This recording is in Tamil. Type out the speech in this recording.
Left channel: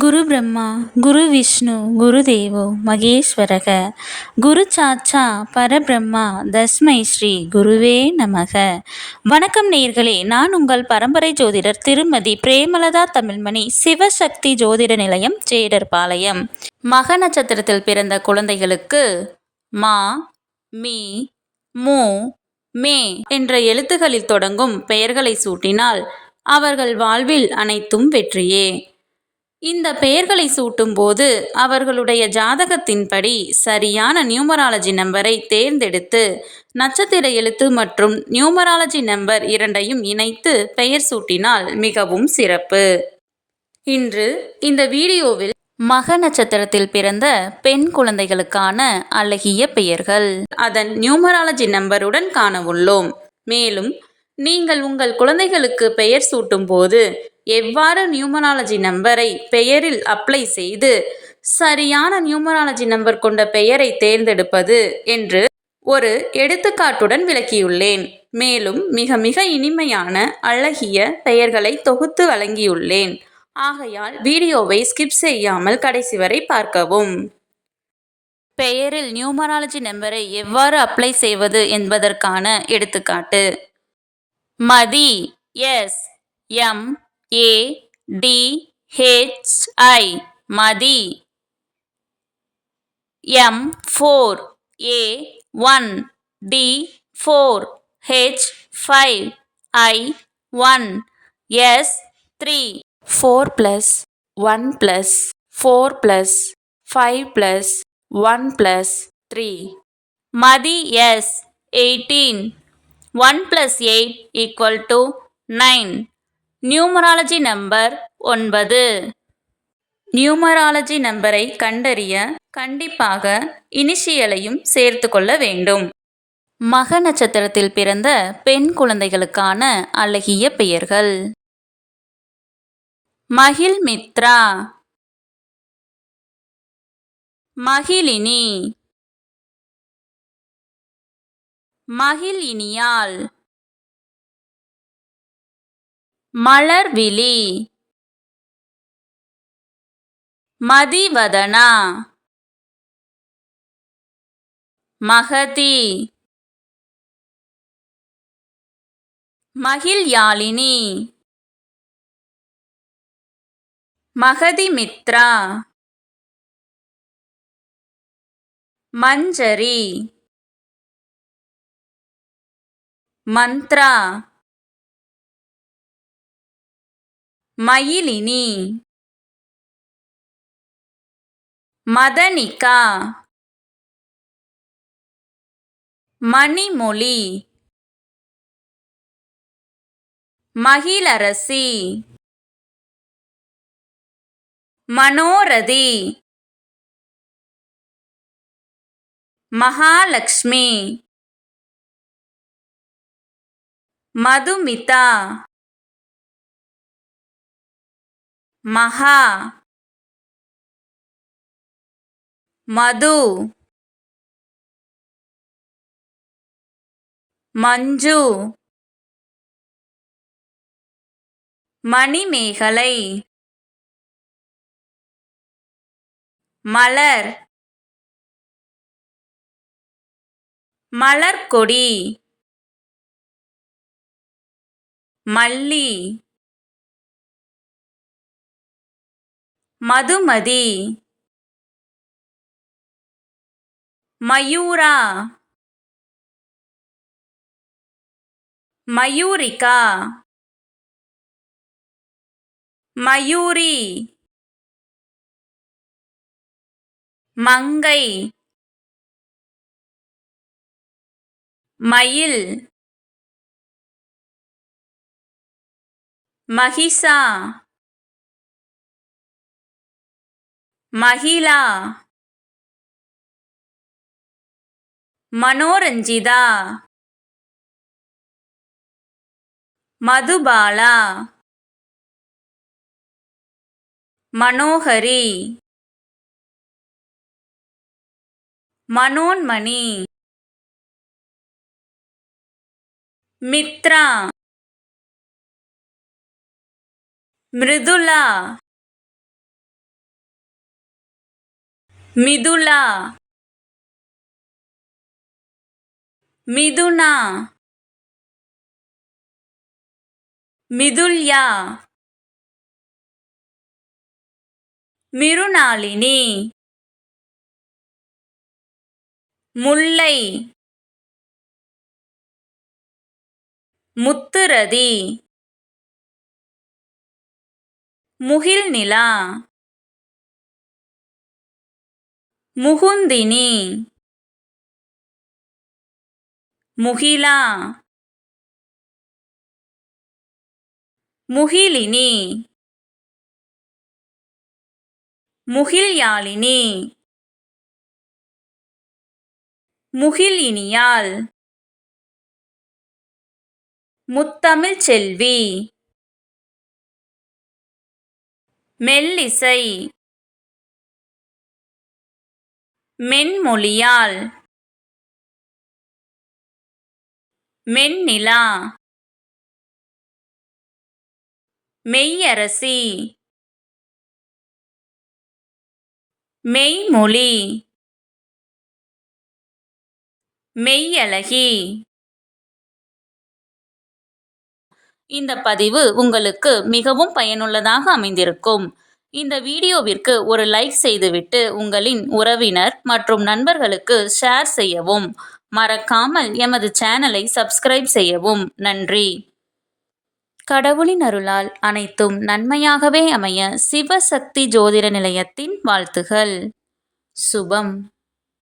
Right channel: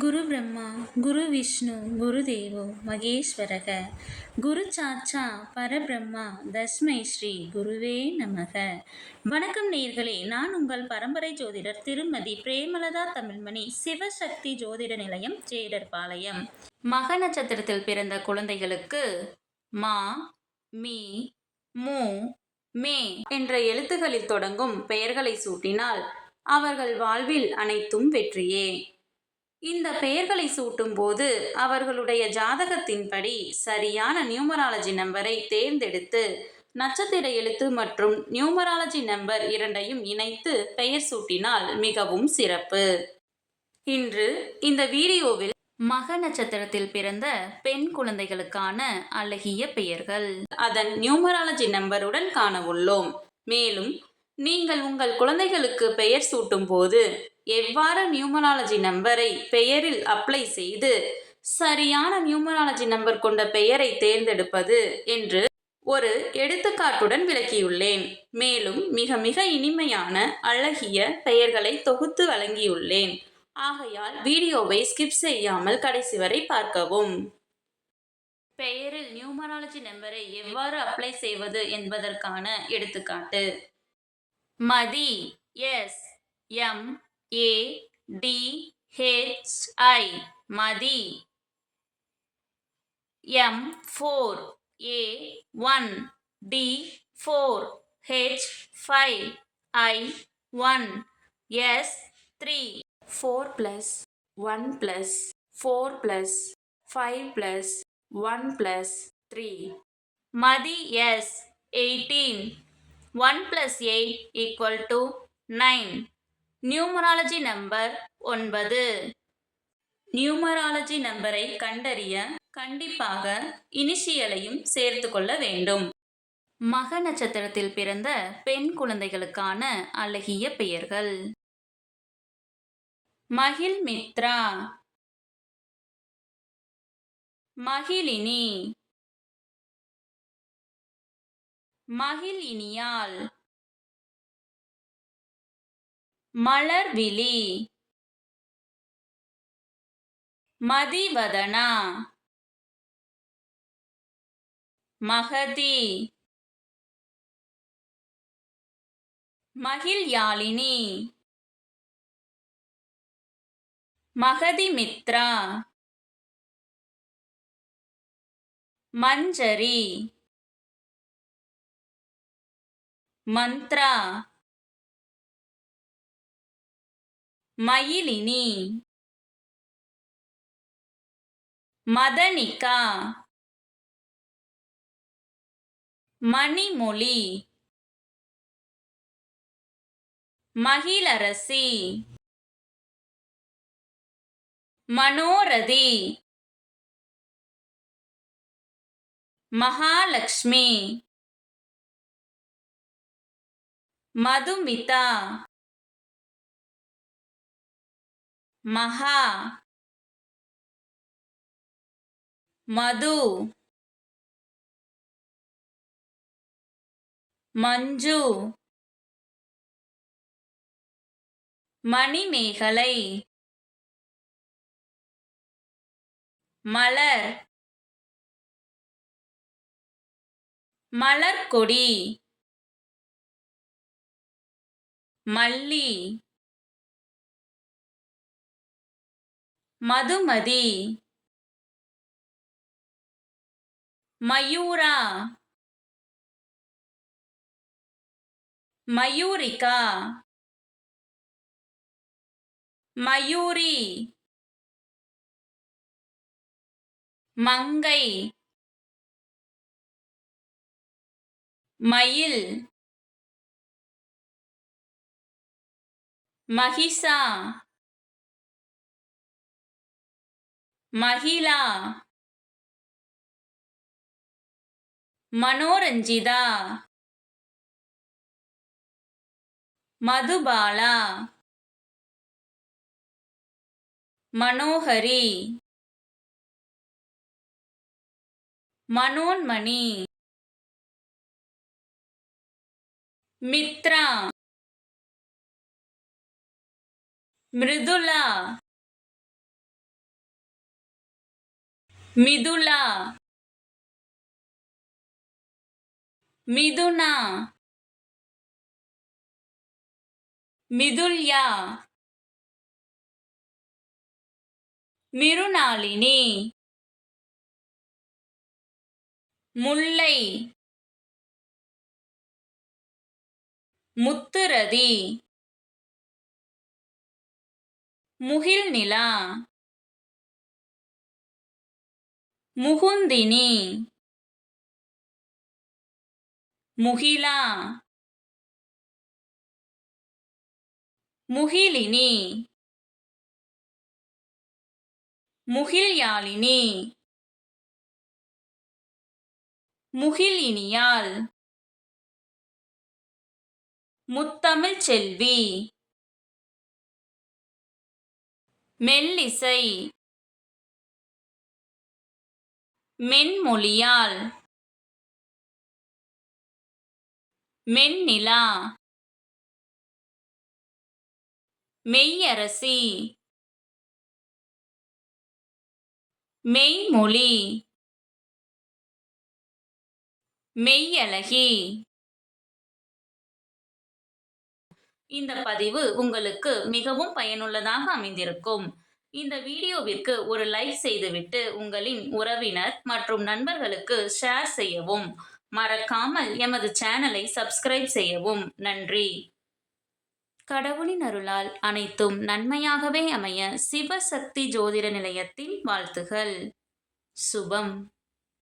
குரு பிரம்மா குரு விஷ்ணு குரு தேவோ மகேஸ்வரக குரு சாட்சா பரபிரம்மா தஸ்மை ஸ்ரீ குருவே நமக. வணக்கம் நேயர்களே, நான் உங்கள் பரம்பரை ஜோதிடர் திருமதி பிரேமலதா தமிழ்மணி, சிவசக்தி ஜோதிட நிலையம், ஜேடர்பாளையம். மக நட்சத்திரத்தில் பிறந்த குழந்தைகளுக்கு மா, மீ, மூ, மே என்ற எழுத்துக்களில் தொடங்கும் பெயர்களை சூட்டினால் அவர்கள் வாழ்வில் அனைத்தும் வெற்றியே. இந்த பெயர்களை சூட்டும்போது அவர்களுடைய ஜாதகத்தின்படி சரியான நியூமராலஜி நம்பரை தேர்ந்தெடுத்து நட்சத்திர எழுத்து மற்றும் நியூமராலஜி நம்பர் இரண்டையும் இணைத்து பெயர் சூட்டினால் மிகவும் சிறப்பு. இன்று இந்த வீடியோவில் மக நட்சத்திரத்தில் பிறந்த பெண் குழந்தைகளுக்கான அழகிய பெயர்கள் அதன் நியூமராலஜி நம்பருடன் காண உள்ளோம். மேலும் நீங்கள் உங்கள் குழந்தைகளுக்கு பெயர் சூட்டும் போது எவ்வாறு நியூமராலஜி நம்பரை பெயரில் அப்ளை செய்து சரியான நியூமராலஜி நம்பர் கொண்ட பெயரை தேர்ந்தெடுப்பது என்று ஒரு எடுத்துக்காட்டுடன் விளக்கியுள்ளேன். மேலும் மிக மிக இனிமையான அழகிய பெயர்களை தொகுத்து வழங்கியுள்ளேன். ஆகையால் வீடியோவை ஸ்கிப் செய்யாமல் கடைசி வரை பார்க்கவும். பெயரில் நியூமராலஜி நம்பரை எவ்வாறு அப்ளை செய்வது என்பதற்கான எடுத்துக்காட்டு. மதி SMADHI Mathi. M4A1D4H5I1 S3 4 plus 1 plus 4 plus 5 plus 1 plus 3. Mathi S18 1 plus 8 equal to 9. Numerology number 9. Numerology நம்பரை கண்டறிய கண்டிப்பாக இனிஷியலையும் சேர்த்து கொள்ள வேண்டும். மக நட்சத்திரத்தில் பிறந்த பெண் குழந்தைகளுக்கான அழகிய பெயர்கள். மகிழ்மித்ரா, மகிழினி, மகிழினியாள், மலர்விழி, மதிவதனா, மகதி, மகிழ்யாழினி, மகதிமித்ரா, மஞ்சரி, மந்த்ரா, மயிலினி, மதனிகா, மணிமொழி, மகிழரசி, மனோரதி, மகாலட்சுமி, மதுமிதா, மகா, மது, மஞ்சு, மணிமேகலை, மலர், மலர்கொடி, மல்லி, மதுமதி, மயூரா, மயூரிகா, மயூரி, மங்கை, மயில், மகிஷா, மகிழா, மனோரஞ்சிதா, மதுபாலா, மனோகரி, மனோன்மணி, மித்ரா, மிருதுளா, மிதுலா, மிதுனா, மிதுல்யா, மிருணாளினி, முல்லை, முத்துரதி, முகில்நிலா, முகுந்தினி, முகிலா, முகிலினி, முகில்யாழினி, முகிலினியாள், முத்தமிழ்ச் செல்வி, மெல்லிசை, மென்மொழியாள், மென்னிலா, மெய்யரசி, மெய்மொழி, மெய்யழகி. இந்த பதிவு உங்களுக்கு மிகவும் பயனுள்ளதாக அமைந்திருக்கும். இந்த வீடியோவிற்கு ஒரு லைக் செய்துவிட்டு உங்களின் உறவினர் மற்றும் நண்பர்களுக்கு ஷேர் செய்யவும். மறக்காமல் எமது சேனலை சப்ஸ்கிரைப் செய்யவும். நன்றி. கடவுளின் அருளால் அனைத்தும் நன்மையாகவே அமைய சிவசக்தி ஜோதிட நிலையத்தின் வாழ்த்துகள். சுபம்.